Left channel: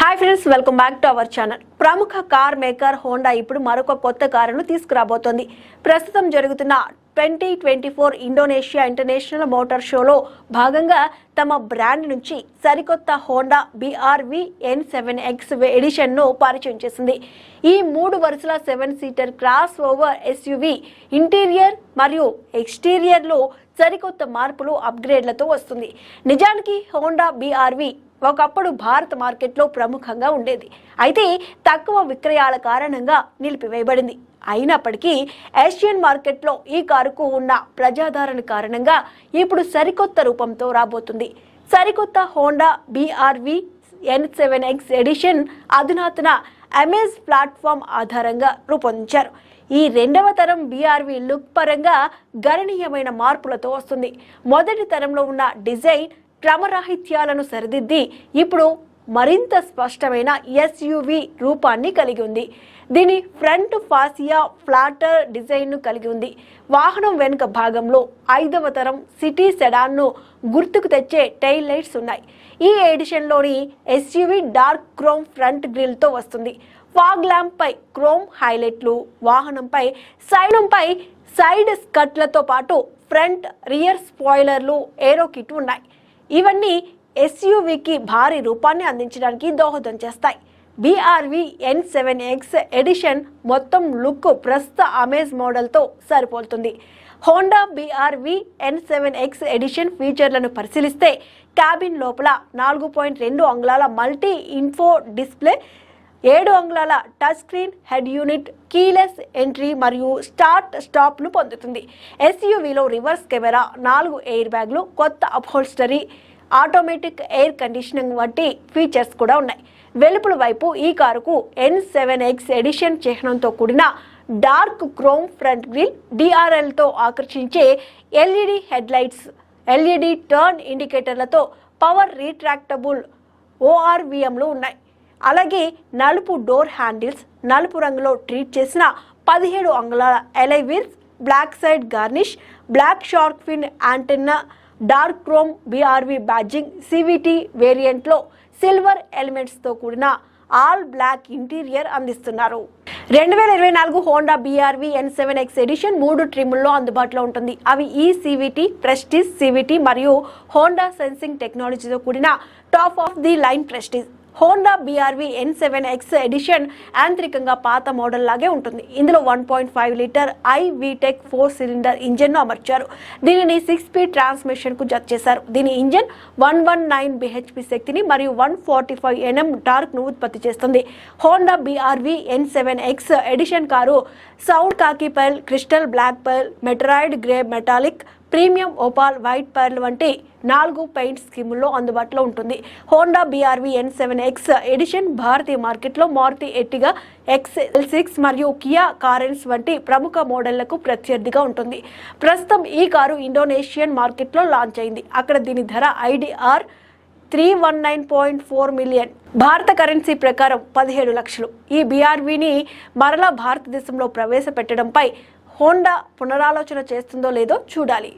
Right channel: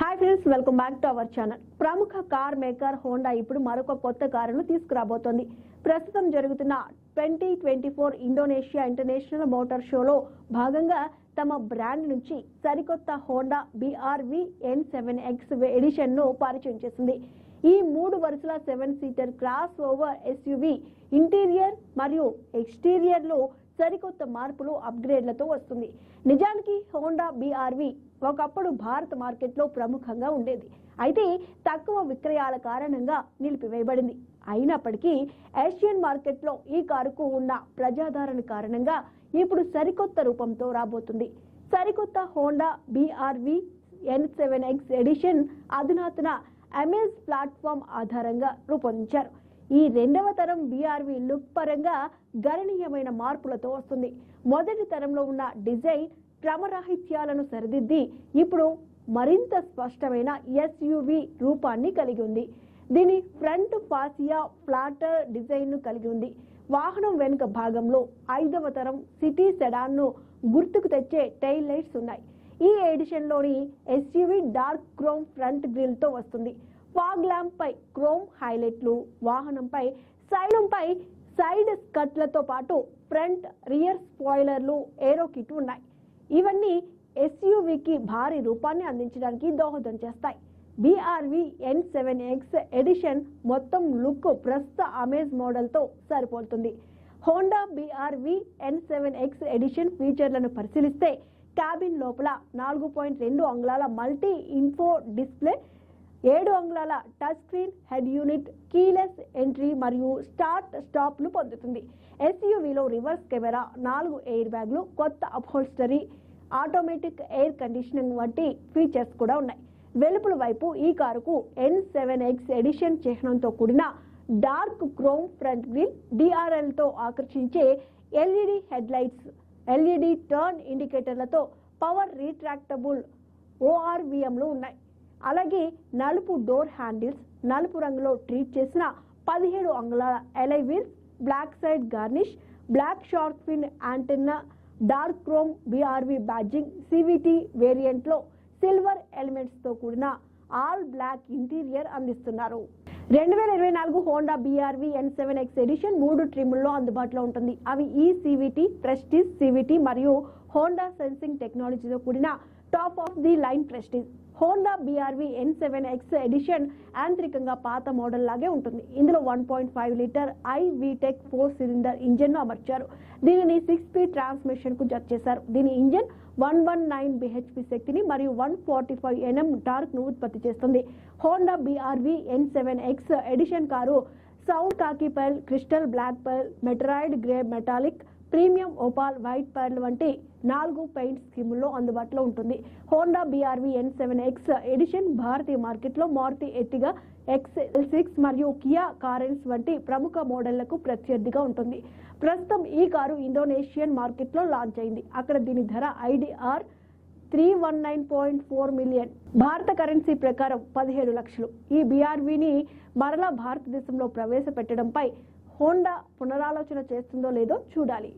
Hi friends, welcome back to our channel. ప్రముఖ car maker Honda ఇప్పుడు మరొక కొత్త కారును తీసుకురాబోతోంది. ప్రస్తుతం జరుగుతున్న 2024 ఇండోనేషియా ఇంటర్నేషనల్ మోటార్ షోలో భాగంగా తమ బ్రాండ్ నుంచి సరికొత్త హోండా BRV N7X ఎడిషన్ను పరిచయం చేసింది. ఈ 3 వరుసల 7 seater cross over SUV interior మరియు ఎక్స్టీరియర్లో సరికొత్త మార్పులు అప్గ్రేడ్లతో వస్తుంది. నిజానికి హోండా BRV ఒకప్పుడు భారత మార్కెట్లో ప్రముఖంగా ఉండేది. అయితే తక్కువ విక్రయాల కారణంగా నిలిపివేయబడింది. అయినప్పటికీ ఏషియన్ మార్కెట్లో ఈ కారుకు ఉన్న ప్రజాదరణ కారణంగా ఇప్పుడు సరికొత్త రూపంతో రాబోతుంది. సరికొత్త హోండా BRV N7X ఎడిషన్ అధునాతన అమేజ్ ప్లాట్ఫామ్ ఆధారంగా రూపొందించారు. ఈ రెండవ తరం BRV లుక్ పరంగా గణనీయమైన మార్పులతో వస్తుంది. మొదటి తరంలో ఉన్న డిజైన్ క్రమరాహిత్యాలను సరిదిద్ది ఇప్పుడు మరింత స్పష్టమైన SUV రూపాన్ని కలిగి ఉంది. దీని ఫ్రంట్ ఫాసియా ఫ్లాటర్ డిజైన్ను కలిగి ఉంది. వాహనం వెనుక భాగంలో 5వ తరం సిటీ సెడాన్ను గుర్తుకు తెచ్చే టైల్ లైట్స్ ఉన్నాయి. ఈ ఎడిషన్లోని SUV డార్క్ క్రోమ్ ఫ్రంట్ గ్రిల్తో వస్తుంది. ఫాగ్ ల్యాంప్ పై క్రోమ్ హైలైట్లు, వాహనంపై సైడ్ స్కట్లతో పాటు ఫ్రంట్ రియర్ స్పాయిలర్లు, ఏరో కిట్ ఉన్నాయి. ఇవన్నీ SUVకి భారీ రూపాన్ని అందించడానికి దోహదం చేస్తాయి. BRV N7X ఎడిషన్ మొత్తం లుక్ ప్రస్తుత అమేజ్ మోడల్తో సరిపోలుతుంది. హోండా BRV N7X ఎడిషన్ ఫీచర్లను పరిశీలిస్తే క్యాబిన్ లోపల 4.2 అంగుళాల మల్టీ ఇన్ఫో డిస్ప్లే, 7 అంగుళాల touch screen head unit, keyless entry మరియు స్టార్ట్ స్టాప్ను పొందుతుంది. SUVలో రివర్స్ కెమెరా, 4 ఎయిర్ బ్యాగ్లు, కొత్త అప్హోల్స్టరీ, ఆటోమేటిక్ ఎయిర్ కండిషనింగ్ వంటి ఫీచర్స్ కూడా ఉన్నాయి. వెలుపల వైపు ఈ కారుకు N7X ఎడిషన్ చిహ్నంతో కూడిన డార్క్ క్రోమ్ ఫ్రంట్ గ్రిల్, DRLతో ఆకర్షించే LED head lights, LED turn ఇండికేటర్లతో పవర్ రీట్రాక్టబుల్ ORVMలు ఉన్నాయి. అలాగే నలుపు డోర్ హ్యాండిల్స్, నలుపు రంగులో ట్రీట్ చేసిన 17 అంగుళాల alloy wheels, black side garnish, black shark fin antenna, dark chrome BRV బ్యాడ్జింగ్, CVT వేరియంట్లో సిల్వర్ ఎలిమెంట్స్తో కూడిన ఆల్ బ్లాక్ ఇంటీరియర్ అందిస్తున్నారు. 2024 హోండా BRV N7X ఎడిషన్ 3 ట్రిమ్ల్లో అందుబాటులో ఉంటుంది. అవి CVT, ప్రెస్టీజ్ CVT మరియు హోండా సెన్సింగ్ టెక్నాలజీతో కూడిన top of the line prestige. Honda BRV N7X edition యాంత్రికంగా పాత మోడల్ లాగే ఉంటుంది. ఇందులో 1.5 లీటర్ iVTEC 4 సిలిండర్ ఇంజన్ను అమర్చారు. దీనిని 6 స్పీడ్ ట్రాన్స్మిషన్కు జత చేశారు. దీని ఇంజన్ 119 bhp శక్తిని మరియు 145 Nm టార్క్ను ఉత్పత్తి చేస్తుంది. Honda BRV N7X edition car sand khaki pearl, crystal black pearl, meteoroid grey metallic, premium opal white pearl వంటి 4 పెయింట్ స్కీముల్లో అందుబాటులో ఉంటుంది. హోండా BRV N7X ఎడిషన్ భారతీయ మార్కెట్లో మారుతి ఎర్టిగా, XL6 మరియు కియా కారెన్స్ వంటి ప్రముఖ మోడళ్లకు ప్రత్యర్థిగా ఉంటుంది. ప్రస్తుతం ఈ కారు ఇండోనేషియన్ మార్కెట్లో లాంచ్ అయింది. అక్కడ దీని ధర IDR 319.4 మిలియన్, భారత కరెన్సీ ప్రకారం 17 లక్షలు. ఈ BRVని మరలా భారతదేశంలో ప్రవేశపెట్టడంపై హోండా పునరాలోచన చేస్తుందో లేదో చూడాలి.